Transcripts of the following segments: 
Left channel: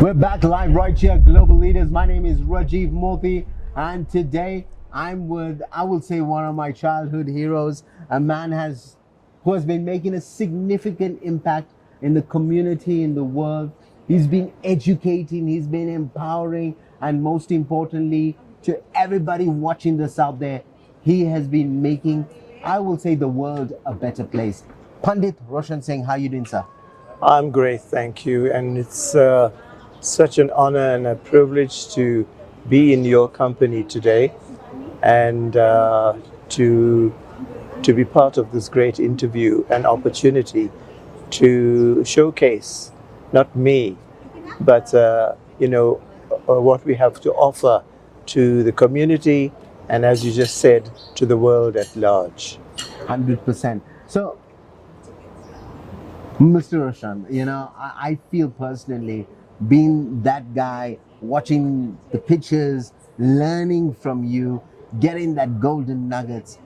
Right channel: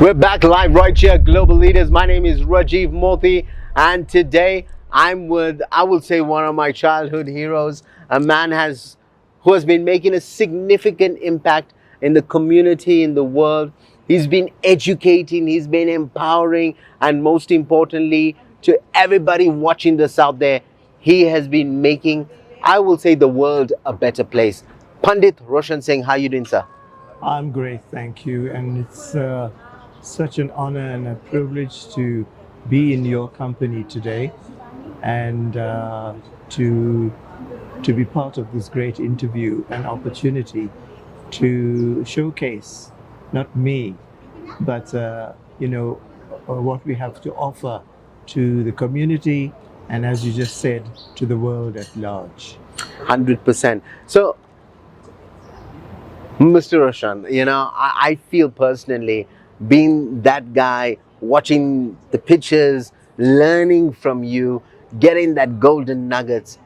We're back live right here, Global Leaders. My name is Rajiv Mothie, and today I'm with, I will say, one of my childhood heroes, a man who has been making a significant impact in the community, in the world. He's been educating, he's been empowering, and most importantly, to everybody watching this out there, he has been making, I will say, the world a better place. Pandit ROSHAN Singh, how are you doing, sir? I'm great, thank you. And it's such an honor and a privilege to be in your company today and to be part of this great interview and opportunity to showcase not me, but what we have to offer to the community and, as you just said, to the world at large. 100%. So, Mr. Roshan, I feel personally, being that guy, watching the pictures, learning from you, getting that golden nuggets.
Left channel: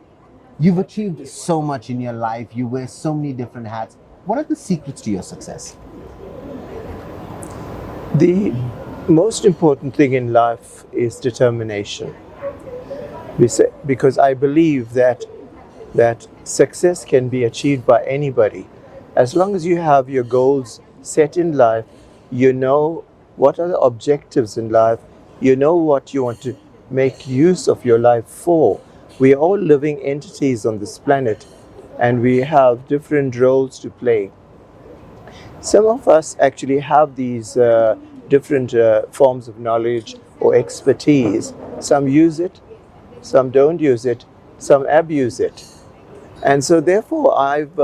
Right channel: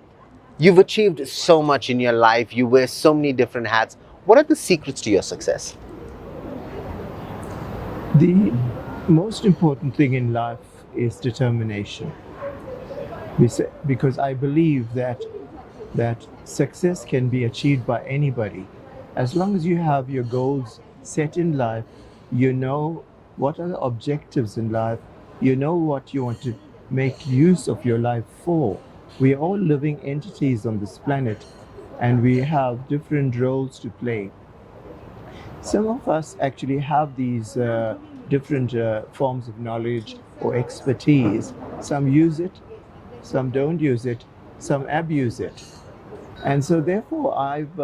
You've achieved so much in your life. You wear so many different hats. What are the secrets to your success? The most important thing in life is determination. Because I believe that success can be achieved by anybody. As long as you have your goals set in life, you know what are the objectives in life, you know what you want to make use of your life for. We are all living entities on this planet and we have different roles to play. Some of us actually have these different forms of knowledge or expertise. Some use it, some don't use it, some abuse it. And so therefore I've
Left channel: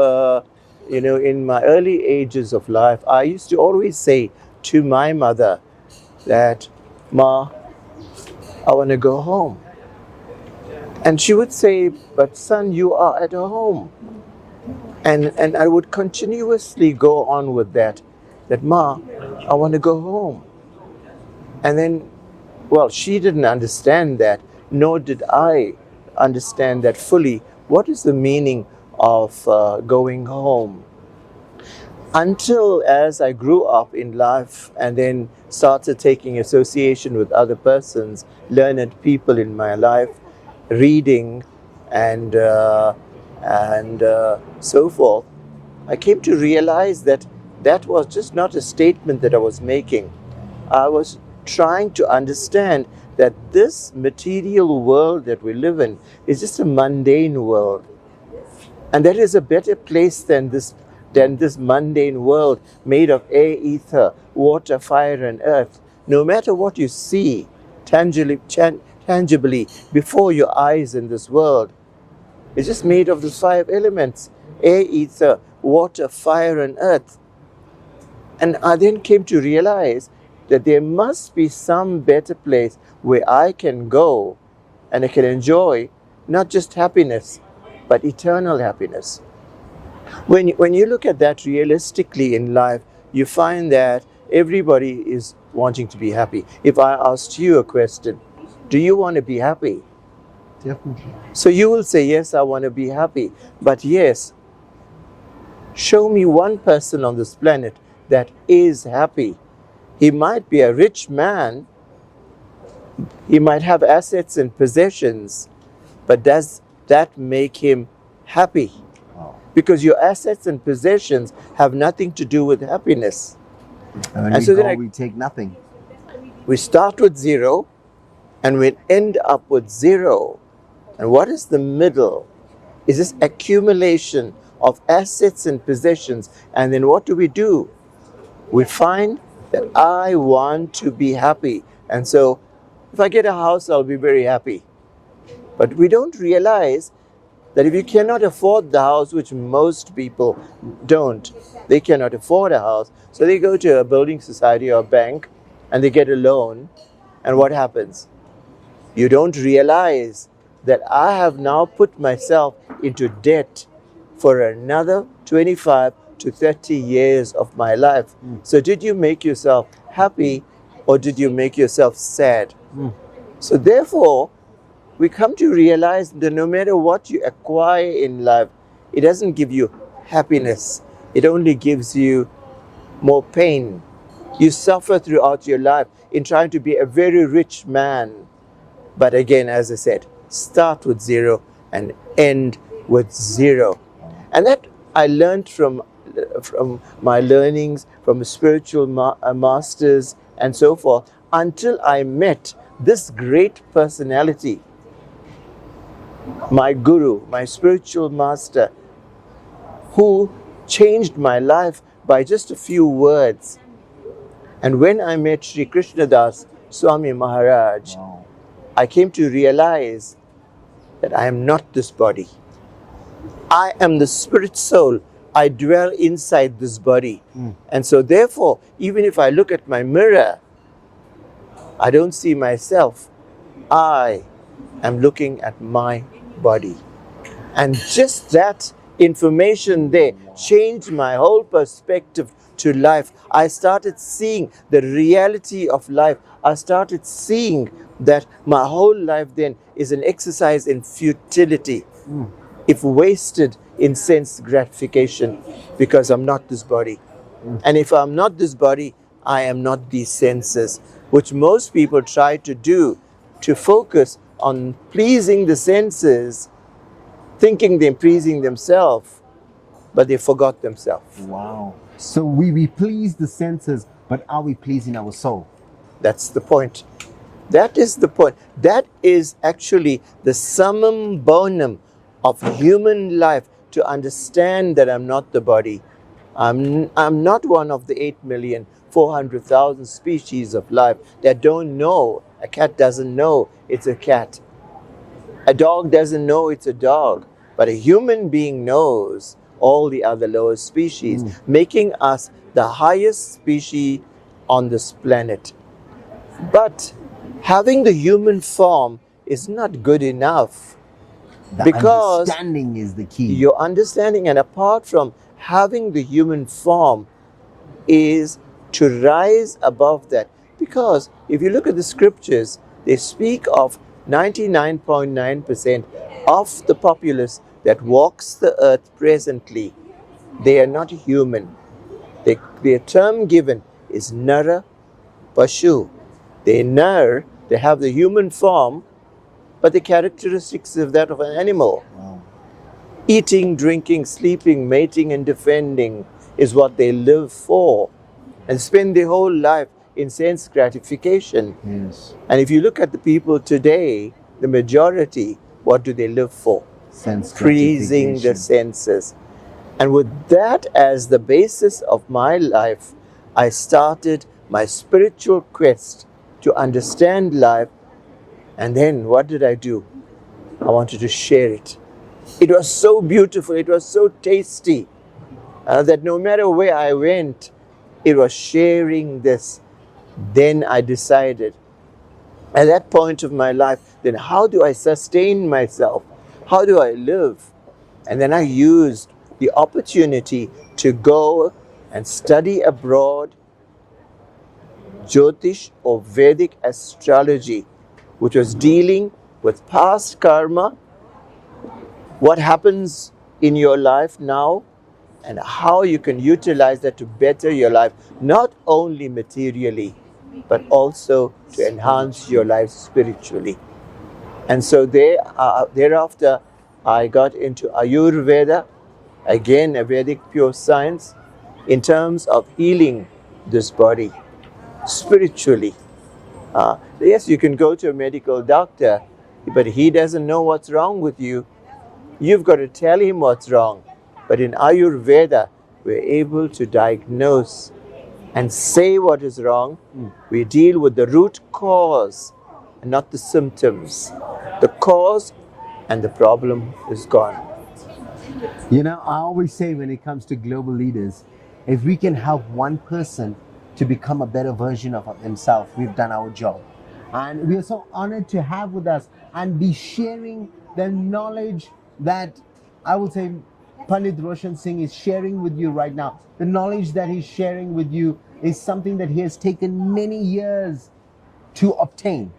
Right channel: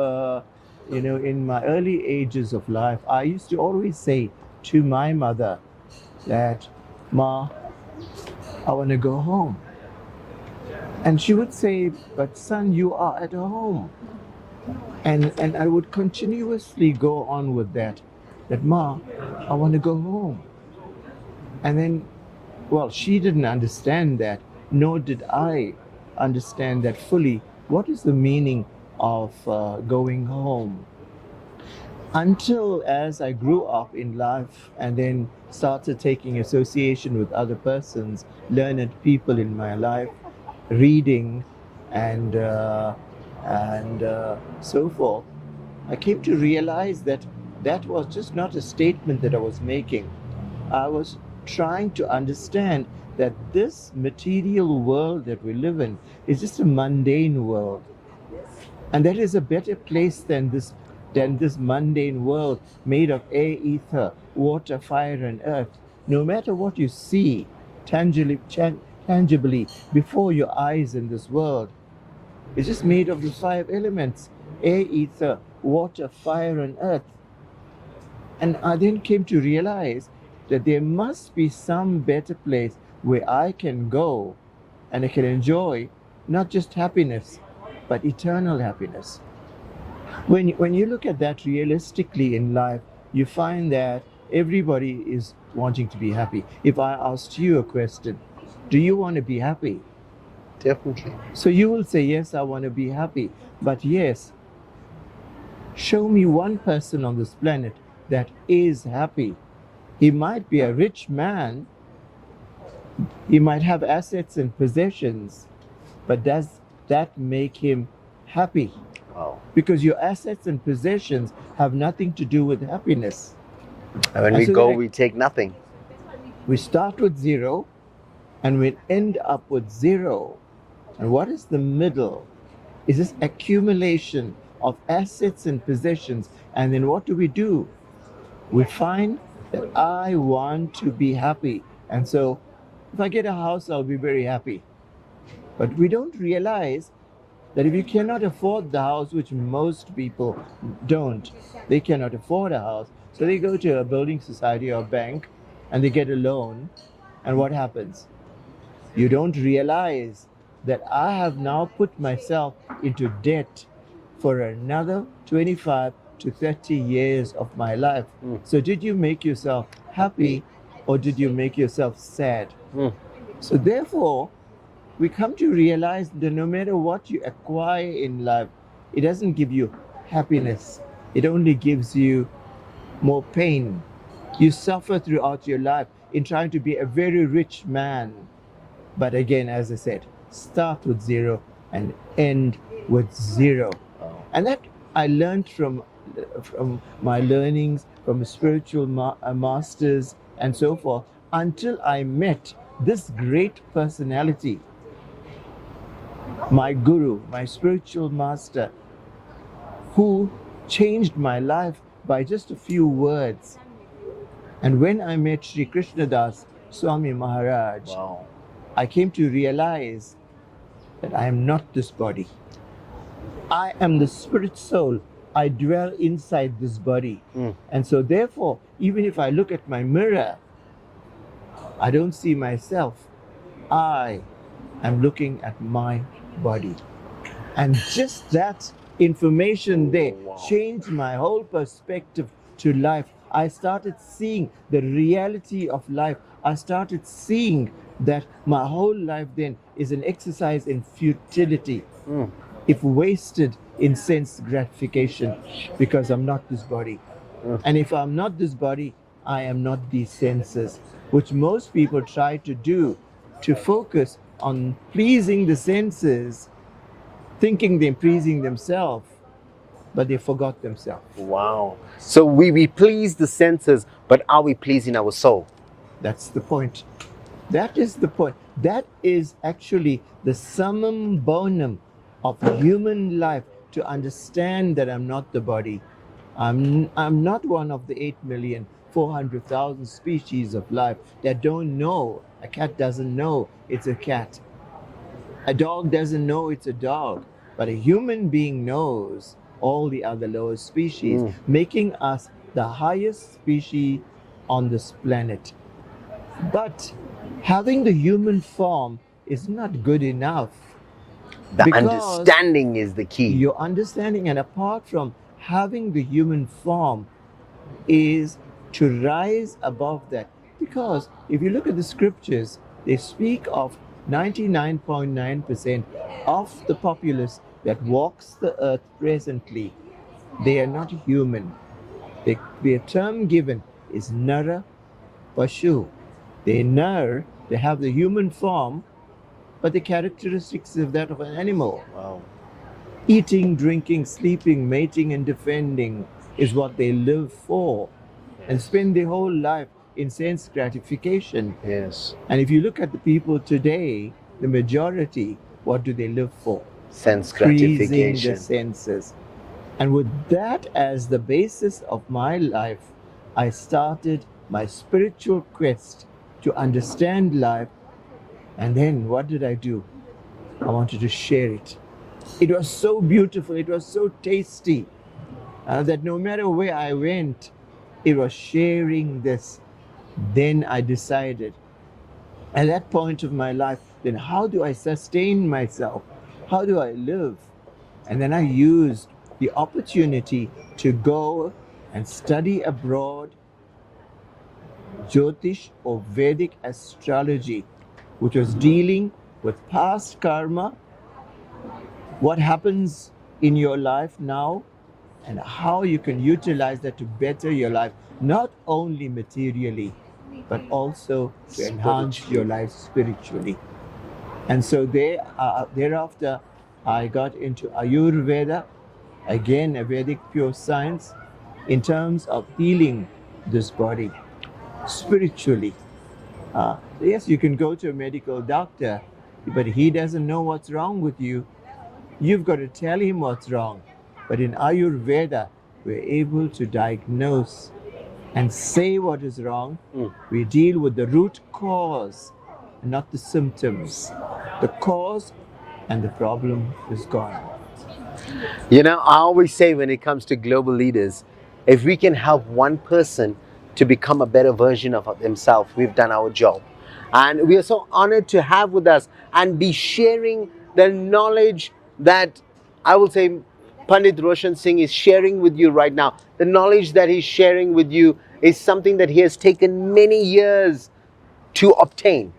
in my early ages of life, I used to always say to my mother that, "Ma, I want to go home." And she would say, "But son, you are at home." And I would continuously go on with that, "Ma, I want to go home." And then, well, she didn't understand that, nor did I understand that fully. What is the meaning of going home? Until as I grew up in life and then started taking association with other persons, learned people in my life, reading and so forth, I came to realize that that was just not a statement that I was making. I was trying to understand that this material world that we live in is just a mundane world. And that is a better place than this mundane world made of air, ether, water, fire, and earth. No matter what you see tangibly before your eyes in this world, it's just made of these 5 elements: air, ether, water, fire, and earth. And I then came to realize that there must be some better place where I can go and I can enjoy not just happiness, but eternal happiness. When you look at that realistically in life, you find that everybody is wanting to be happy. If I asked you a question, do you want to be happy? Definitely. So you will say, yes, I want to be happy. But yes, show me one person on this planet that is happy. He might be a rich man, he might have assets and possessions, but does that make him happy? Wow. Because your assets and possessions have nothing to do with happiness. And when we go, we take nothing. We start with 0 and we end up with 0. And what is the middle? Is this accumulation of assets and possessions. And then what do? We find that I want to be happy. And so if I get a house, I'll be very happy. But we don't realize that if you cannot afford the house, which most people don't, they cannot afford a house. So they go to a building society or a bank and they get a loan. And what happens? You don't realize that I have now put myself into debt for another 25 to 30 years of my life. So did you make yourself happy or did you make yourself sad? So therefore, we come to realize that no matter what you acquire in life, it doesn't give you happiness. It only gives you more pain. You suffer throughout your life in trying to be a very rich man. But again, as I said, start with zero and end with zero. And that I learned from my learnings, from spiritual masters and so forth, until I met this great personality, my guru, my spiritual master, who changed my life by just a few words. And when I met Sri Krishnadas Swami Maharaj, Wow. I came to realize that I am not this body. I am the spirit soul. I dwell inside this body. And so therefore, even if I look at my mirror, I don't see myself. I am looking at my body. And just that information there changed my whole perspective to life. I started seeing the reality of life. I started seeing that my whole life then is an exercise in futility, if wasted in sense gratification, because I'm not this body. And if I'm not this body, I am not these senses, which most people try to do, to focus on pleasing the senses, thinking they're pleasing themselves, but they forgot themselves. Wow. So we please the senses, but are we pleasing our soul? That's the point. That is the point. That is actually the summum bonum of human life, to understand that I'm not the body. I'm not one of the 8,400,000 species of life that don't know. A cat doesn't know it's a cat. A dog doesn't know it's a dog. But a human being knows all the other lower species, making us the highest species on this planet. But having the human form is not good enough. The Because understanding is the key. your understanding, and apart from having the human form, is to rise above that. Because if you look at the scriptures, they speak of 99.9% of the populace that walks the earth presently. They are not human. Their term given is Nara Pashu. They have the human form, but the characteristics of that of an animal. Wow. Eating, drinking, sleeping, mating, and defending is what they live for, and spend their whole life in sense gratification. Yes. And if you look at the people today, the majority, what do they live for? Sense Pleasing gratification. the senses. And with that as the basis of my life, I started my spiritual quest to understand life. And then what did I do? I wanted to share it. It was so beautiful, it was so tasty, that no matter where I went, it was sharing this. Then I decided, at that point of my life, then how do I sustain myself? How do I live? And then I used the opportunity to go and study abroad Jyotish or Vedic astrology, which was dealing with past karma, what happens in your life now, and how you can utilize that to better your life, not only materially, but also to enhance your life spiritually. And so thereafter, I got into Ayurveda, again a Vedic pure science, in terms of healing this body spiritually. Yes, you can go to a medical doctor, but he doesn't know what's wrong with you. You've got to tell him what's wrong. But in Ayurveda, we're able to diagnose and say what is wrong. We deal with the root cause and not the symptoms. The cause and the problem is gone. You know, I always say when it comes to global leaders, if we can help one person to become a better version of themselves, we've done our job. And we are so honored to have with us and be sharing the knowledge that I will say Pandit Roshan Singh is sharing with you right now. The knowledge that he's sharing with you is something that he has taken many years to obtain.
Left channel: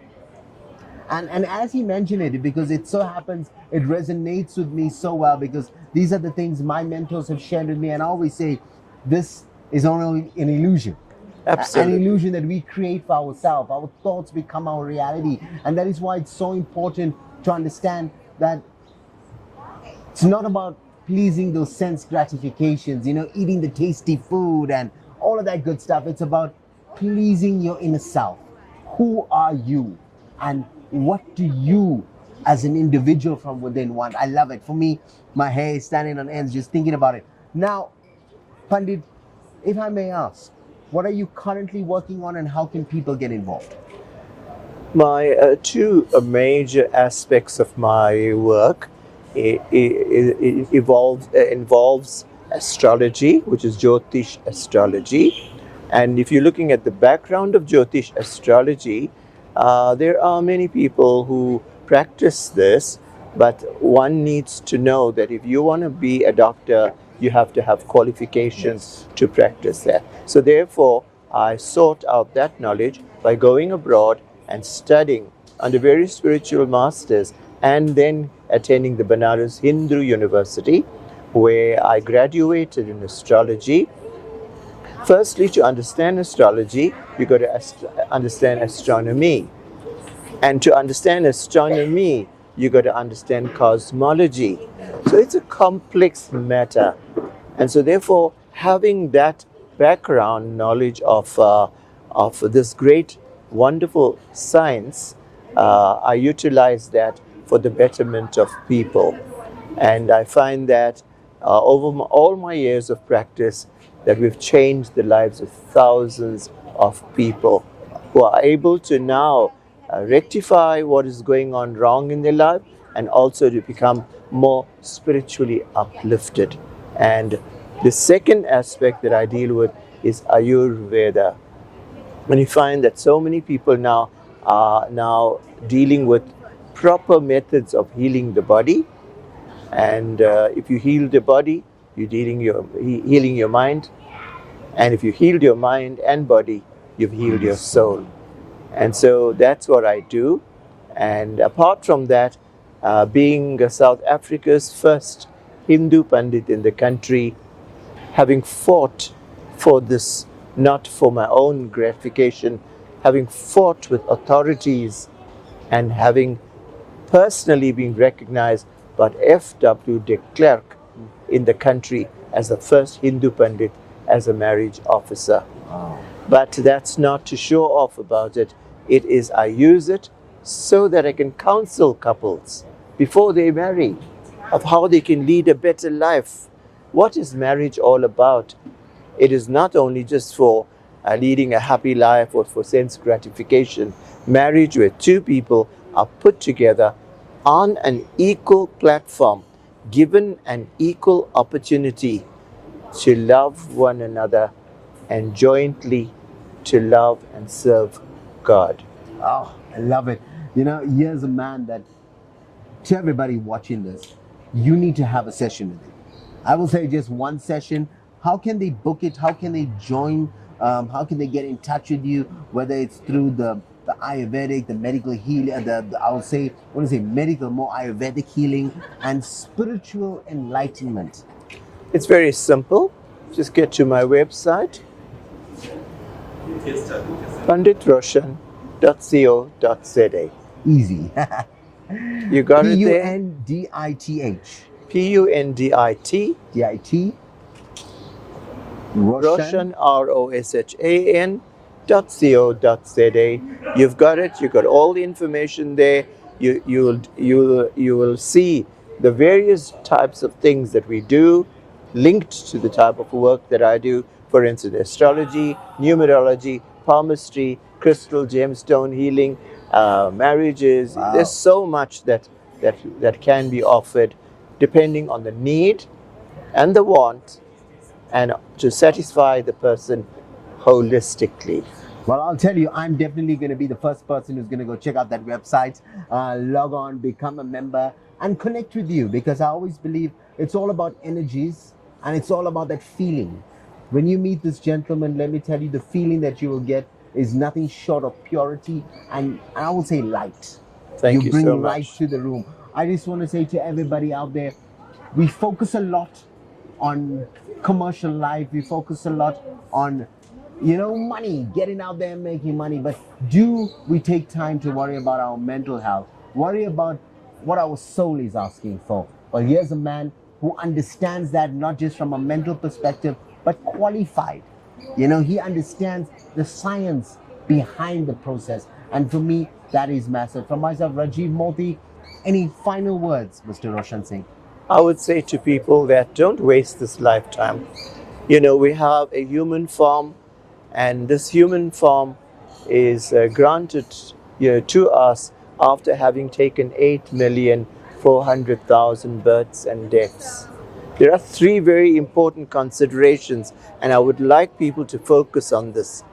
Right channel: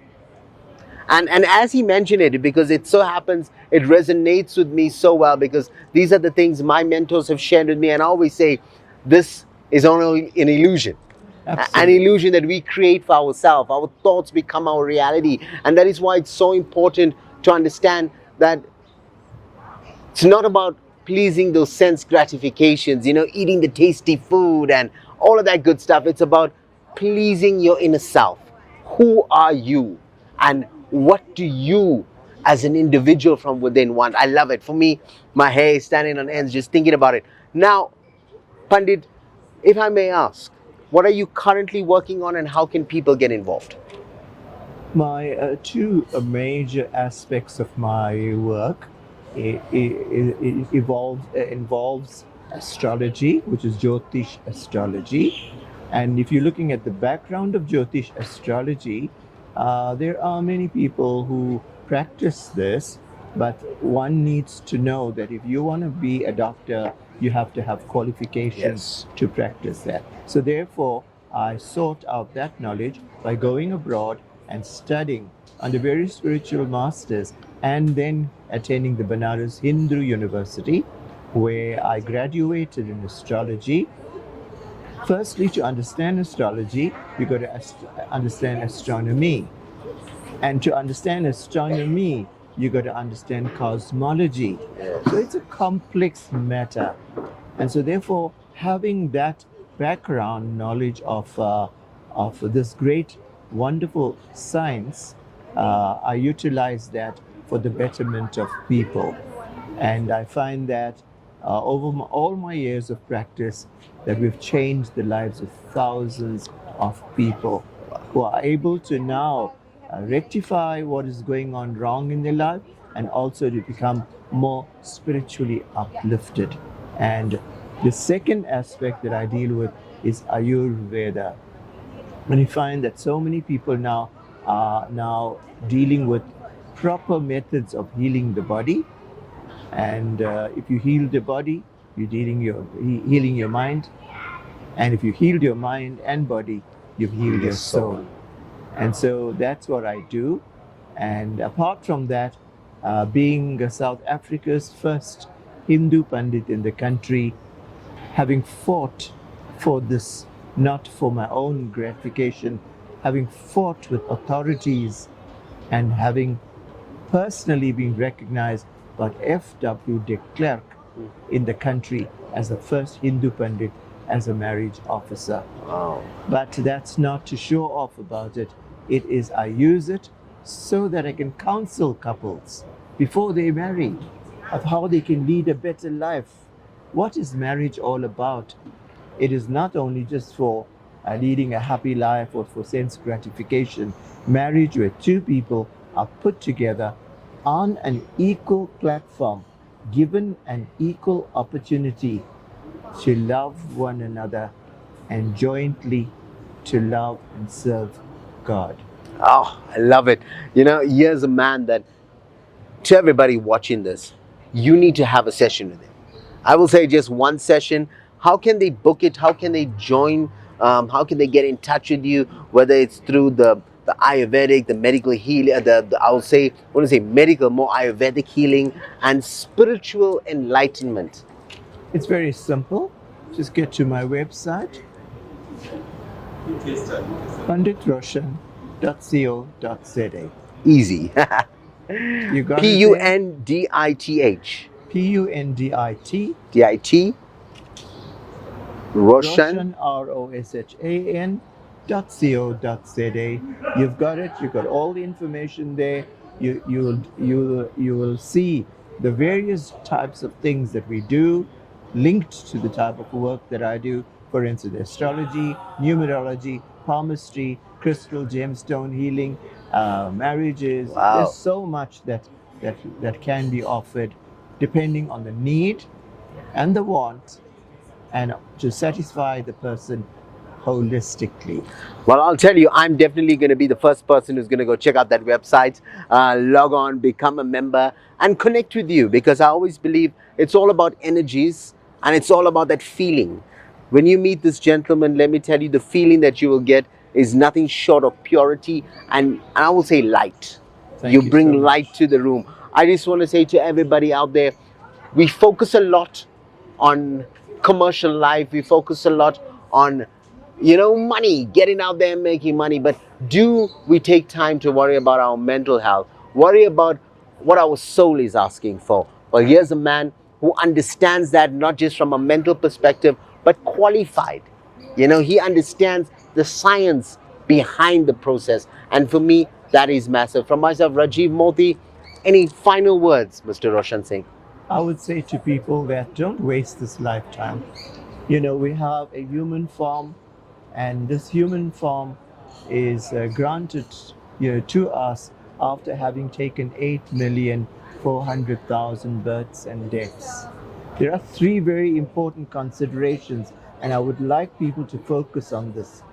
And as he mentioned it, because it so happens, it resonates with me so well, because these are the things my mentors have shared with me. And I always say, this is only an illusion. An Absolutely. illusion that we create for ourselves. Our thoughts become our reality. And that is why it's so important to understand that it's not about pleasing those sense gratifications, eating the tasty food and all of that good stuff. It's about pleasing your inner self. Who are you? And what do you as an individual from within want? I love it. For me, my hair is standing on ends just thinking about it. Now, Pandit, if I may ask, what are you currently working on and how can people get involved? My two major aspects of my work involves astrology, which is Jyotish astrology. And if you're looking at the background of Jyotish astrology, there are many people who practice this, but one needs to know that if you want to be a doctor, you have to have qualifications to practice that. So therefore, I sought out that knowledge by going abroad and studying under various spiritual masters, and then attending the Banaras Hindu University, where I graduated in astrology. Firstly, to understand astrology, you got to understand astronomy. And to understand astronomy, you got to understand cosmology. So it's a complex matter. And so therefore, having that background knowledge of this great, wonderful science, I utilize that for the betterment of people. And I find that over all my years of practice, that we've changed the lives of thousands of people who are able to now rectify what is going on wrong in their life, and also to become more spiritually uplifted. And the second aspect that I deal with is Ayurveda. And you find that so many people now are now dealing with proper methods of healing the body. And if you heal the body, you're healing your mind. And if you healed your mind and body, you've healed your soul. And so that's what I do. And apart from that, being South Africa's first Hindu Pandit in the country, having fought for this, not for my own gratification, having fought with authorities and having personally been recognized by F.W. de Klerk in the country as the first Hindu Pandit as a marriage officer. Wow. But that's not to show off about it. It is I use it so that I can counsel couples before they marry of how they can lead a better life. What is marriage all about? It is not only just for leading a happy life or for sense gratification. Marriage where two people are put together on an equal platform, given an equal opportunity to love one another and jointly to love and serve God. Oh, I love it. Here's a man that, to everybody watching this, you need to have a session with him. I will say just one session. How can they book it? How can they join? How can they get in touch with you? Whether it's through the Ayurvedic, the medical healing, I will say, when I say medical, more Ayurvedic healing and spiritual enlightenment. It's very simple. Just get to my website, panditroshan.co.za. Easy. You got it there? Pundith. Pundit. DIT. Roshan, ROSHAN.co.za. You've got it. You've got all the information there. You will see the various types of things that we do, linked to the type of work that I do. For instance, astrology, numerology, palmistry, crystal gemstone healing, marriages. Wow. There's so much that can be offered depending on the need and the want, and to satisfy the person holistically. Well, I'll tell you, I'm definitely going to be the first person who's going to go check out that website, log on, become a member, and connect with you, because I always believe it's all about energies and it's all about that feeling. When you meet this gentleman, let me tell you, the feeling that you will get is nothing short of purity and I will say light. Thank You you bring so much. light to the room. I just want to say to everybody out there, we focus a lot on commercial life. We focus a lot on money, getting out there and making money, but do we take time to worry about our mental health, worry about what our soul is asking for? Well, here's a man who understands that, not just from a mental perspective, but qualified. He understands the science behind the process. And for me, that is massive. From myself, Rajiv Mothie, any final words, Mr. Roshan Singh? I would say to people that don't waste this lifetime. We have a human form, and this human form is granted to us after having taken 8,400,000 births and deaths. There are three very important considerations, and I would like people to focus on this.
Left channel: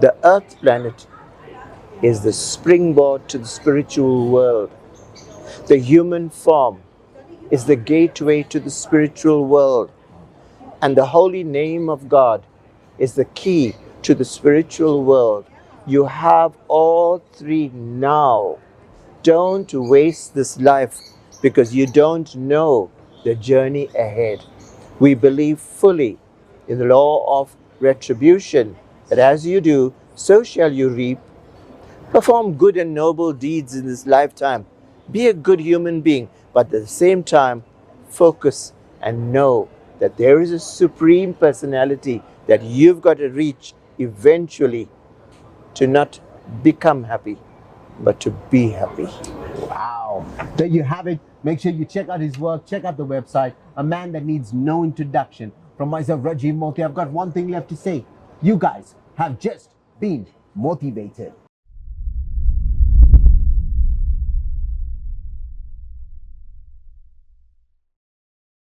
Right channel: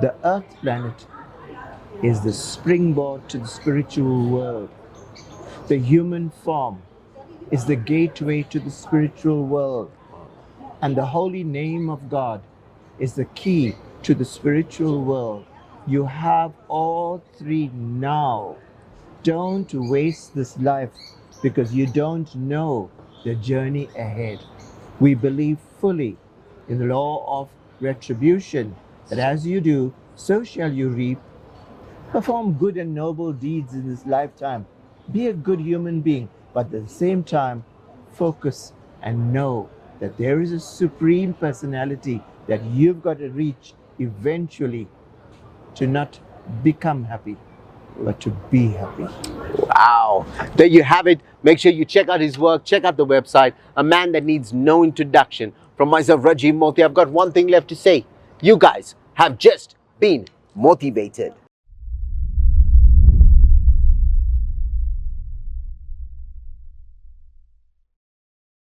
The Earth planet is the springboard to the spiritual world. The human form is the gateway to the spiritual world. And the holy name of God is the key to the spiritual world. You have all three now. Don't waste this life because you don't know the journey ahead. We believe fully in the law of retribution, that as you do, so shall you reap. Perform good and noble deeds in this lifetime. Be a good human being, but at the same time, focus and know that there is a supreme personality that you've got to reach eventually, to not become happy, but to be happy. Wow. There you have it. Make sure you check out his work, check out the website. A man that needs no introduction. From myself, Rajiv Mothie, I've got one thing left to say. You guys have just been motivated.